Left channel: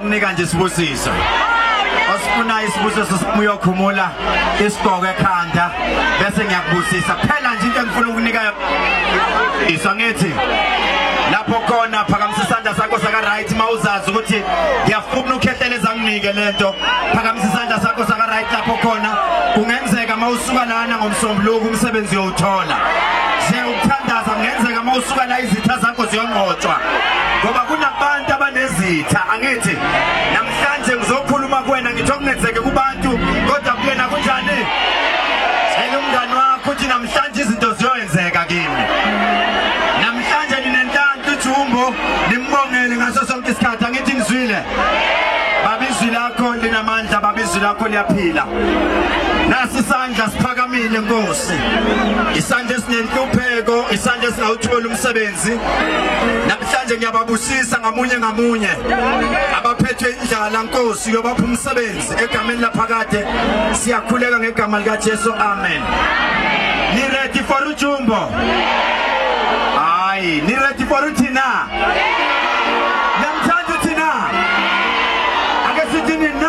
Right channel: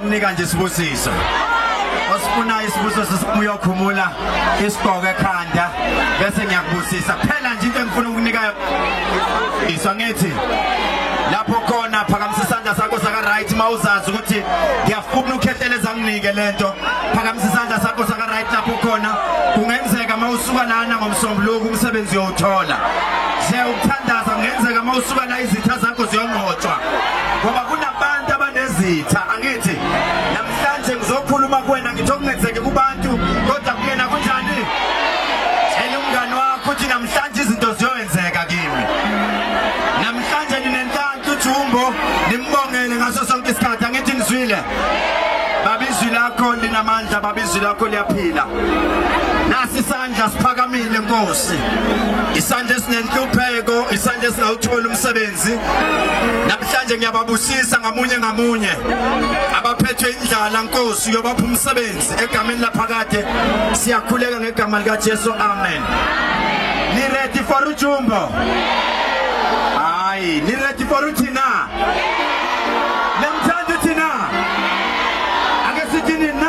ukunika nje isibusiso. Osifuna isibusiso sisibuya ukhumula isigqoko ekhanda bese ngiyakubusisa. Phela nje into engifuna ukunika isangethi. Lapho khona phakamisa isandla sakho saka right mawuzazi ukuthi ngiyafuna ukukhetheleza nginike lento. Phakamisa isandla sakho saka right lapho khona kungenzeka mawusuka lana ngomsombuluko umsebenzi uyothola. Je ukuthandaza kungenzeka mawusuka la izitha zakho ziyongqotshwa. Ngoba kunabantu abanezitha angithi namhlanje ngizokhuluma kuwena ngithi okunenzeke kubantu kodwa kuyena kunjani? Tshela umngani wakho ukuthi namhlanje izinto ziyoyenzeka kimi. Namhlanje ninentanto uJumbo nimbongele ngaso sonke isikhathi angithi ngizwile. Babizwi lakho linamandla babizwi lakho liyaphila. Nasi isandla siphakamile Nkosi. Isandla esinenhlupheko, isandla esingawuthola umsebenzi. Namhlanje ngiyababusisa ngamunye. Abaphethwe indlala Nkosi yobapha umsebenzi egameni laphakade. Siyakhuleka ngegama lika Jesu. Amen. Ni ready for uJumbo? Hayi, ni ready for uthina? Namhlanje uthina? Ake sithi ni 9